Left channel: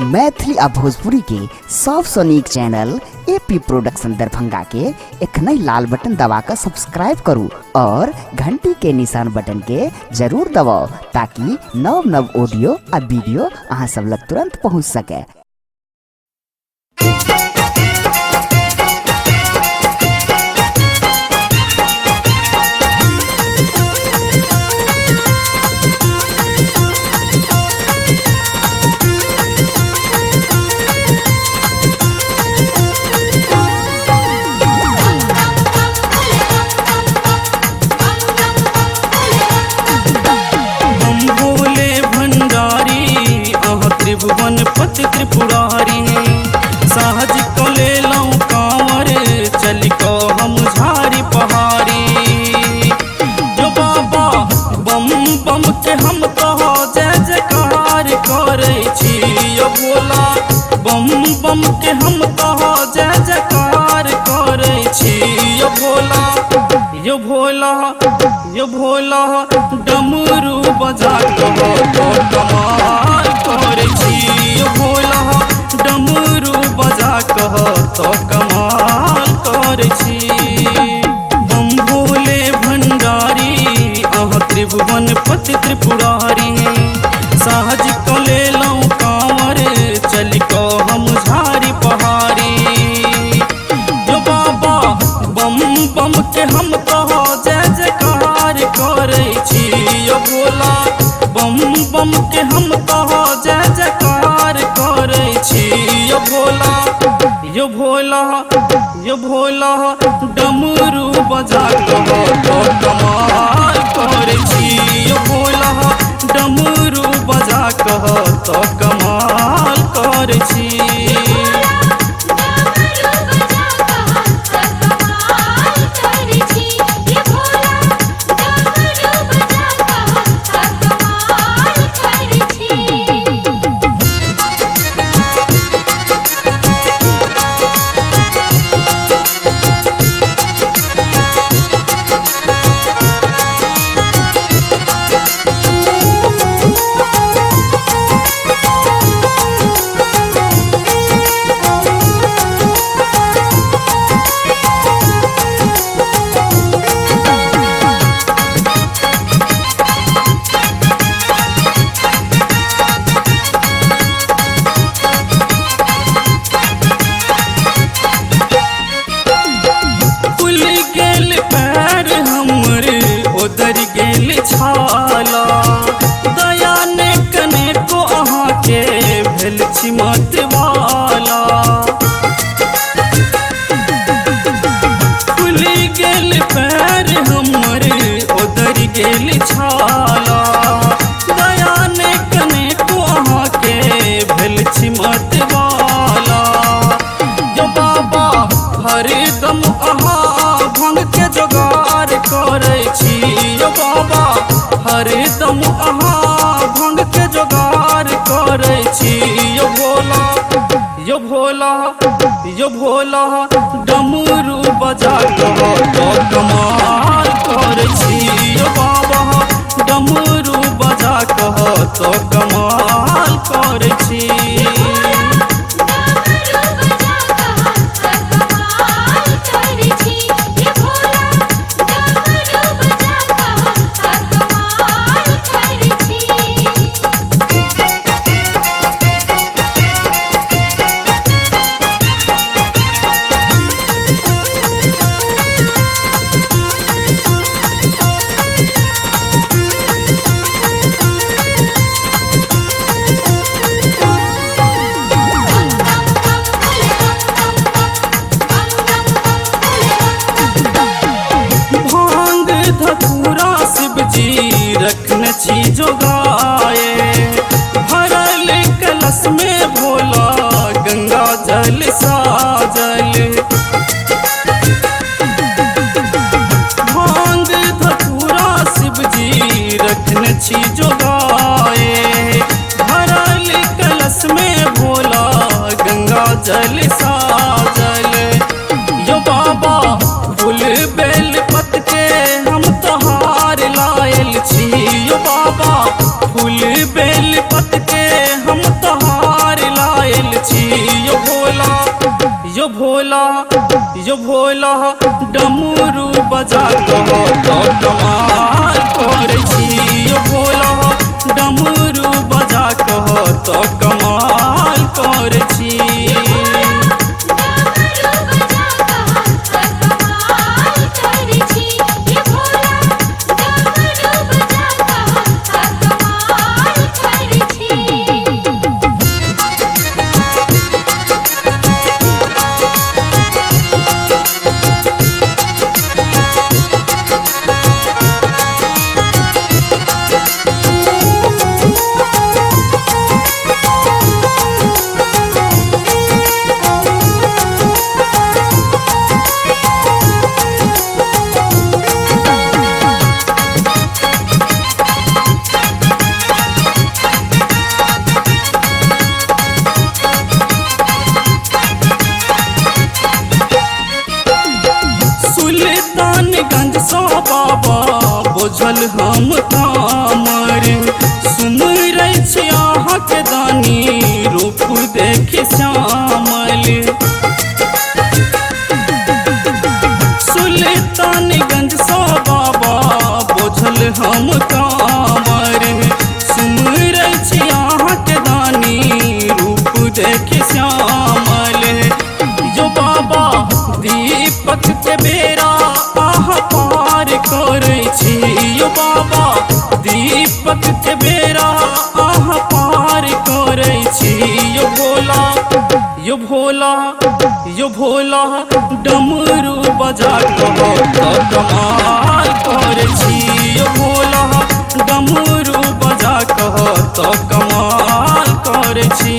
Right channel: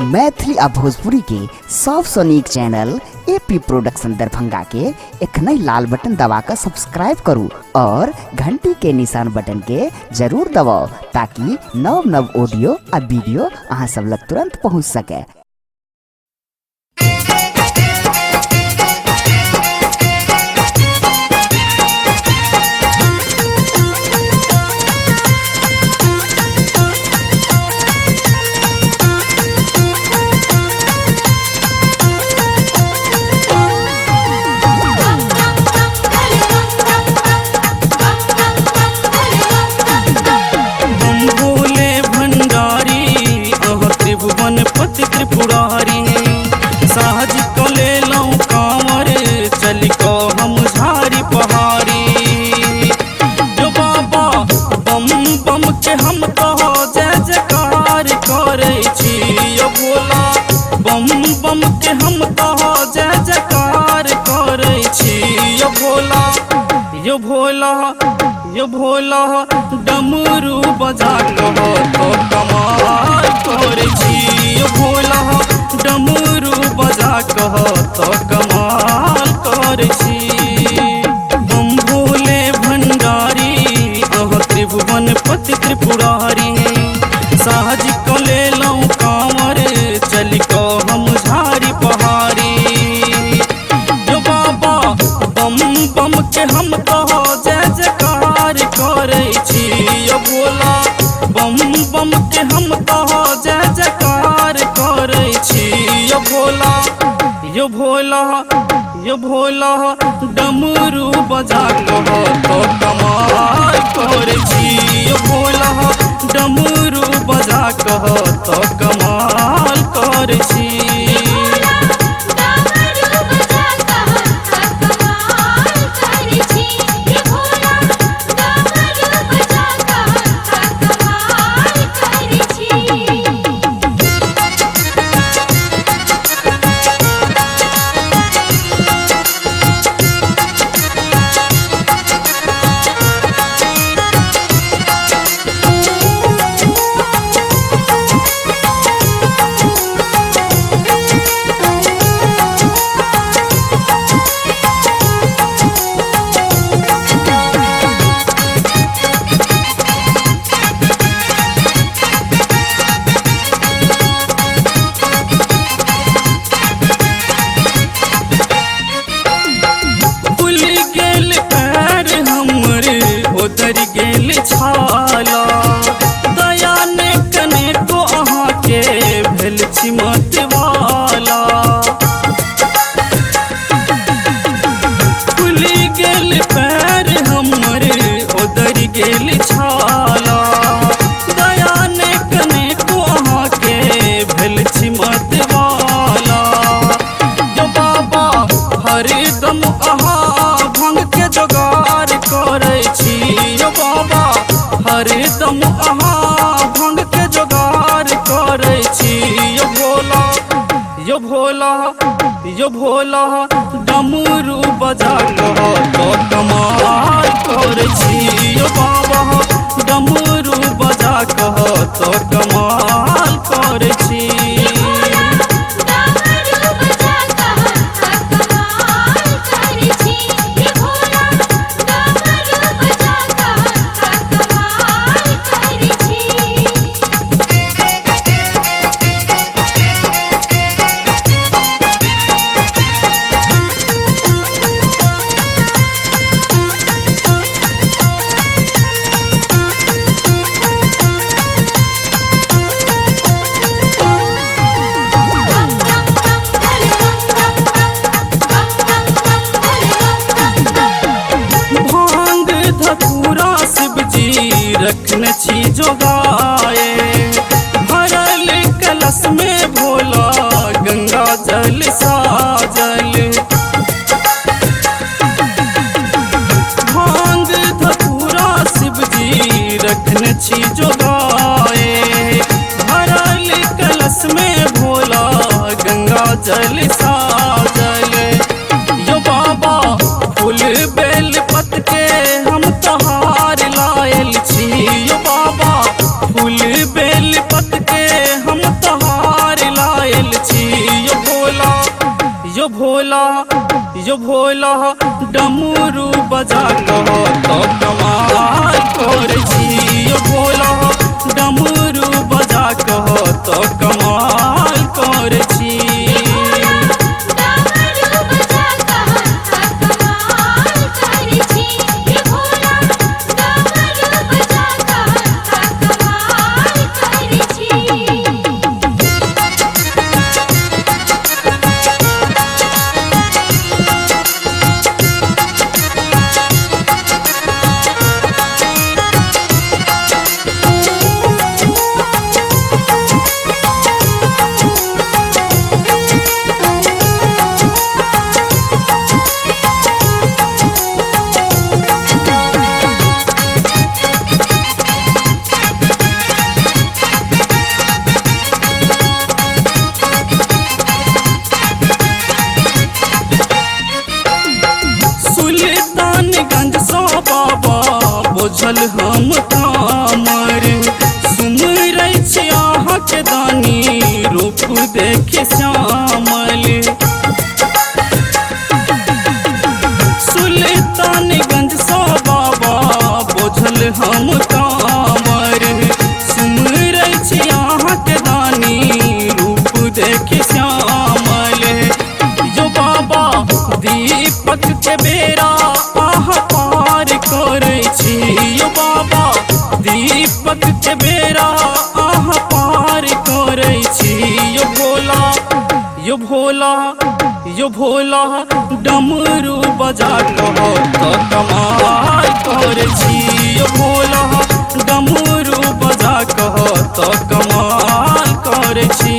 मैथिली आ भोजपुरी के सबसे नीक चैनल एपी प्रोडक्शन दरभंगा के एखने लाल बटन दबाकर सब्सक्राइब करू और घंटी के निशान बटन के जरूर दबाओ ताकि नव नव ऑडियो आ वीडियो अहाँ सब लग तुरंत पहुंच सके। त्रिभुवन पति त्रिपुरारी सहज को ले लूं कांवर चल को हम झारी पहाड़ी जो बाबा बम बम के हम तो जय जयकार करे छी यो भोला बम बम के हम तो जय जयकार करे छी यो भोला यो भोला यो भोला डमरू बजा कहो तो कमाल करे छी यो भोला डमरू बजा कहो तो कमाल करे छी। बम भोले भंडारी अह त्रिभुवन पति त्रिपुरारी सहज को ले लूं कांवर चल को हम झारी पहाड़ी जो बाबा बम बम के हम तो जय जयकार करे छी यो भोला बम बम के हम तो जय जयकार करे छी यो भोला यो भोला यो भोला डमरू बजा कहो तो कमाल करे छी यो भोला डमरू बजा कहो तो कमाल करे छी। उधर गेल छाला दया ने कने को अहाँ के भेल छी मत वाला खुली गेल पैर हमर उधर गेल छाला दया ने कने को अहाँ के भेल छी मत वाला जो बाबा हरदम अहाँ भंग के जोगार करे छी यो बाबा हरदम अहाँ भंग के जोगार करे छी यो भोला यो भोला यो भोला डमरू बजा कहो तो कमाल करे छी यो बाबा डमरू बजा कहो तो कमाल करे छी। शिव जी रखने छी जोगाए भरल कलश में भोला गंगा जल साजल भांग धतूरा शिव जी रखने छी जोगाए भरल कलश में भोला गंगा जल साजल यो बाबा फूल बेल पत के हम तहार लायल छी यो बाबा फूल बेल पत के हम तहार ला यो भोला डमरू बजा कह तो कमाल करे छी। यो भोला डमरू बजा कह तो कमाल करे छी। सुल्तानगंज सो बाबा बोझल हम कामर, सुमरै छी अहाँके दानी रूप देखे श्यामल। सुल्तानगंज सो बाबा बोझल हम कामर, सुमरै छी अहाँके दानी रूप देखे श्यामल। जो बाबा दीपक के बेरा आह पार करे छी। यो बाबा दीपक के बेरा आह पार करे छी। यो भोला डमरू बजा कह तो कमाल करे छी। यो भोला डमरू बजा कह तो कमाल करे छी।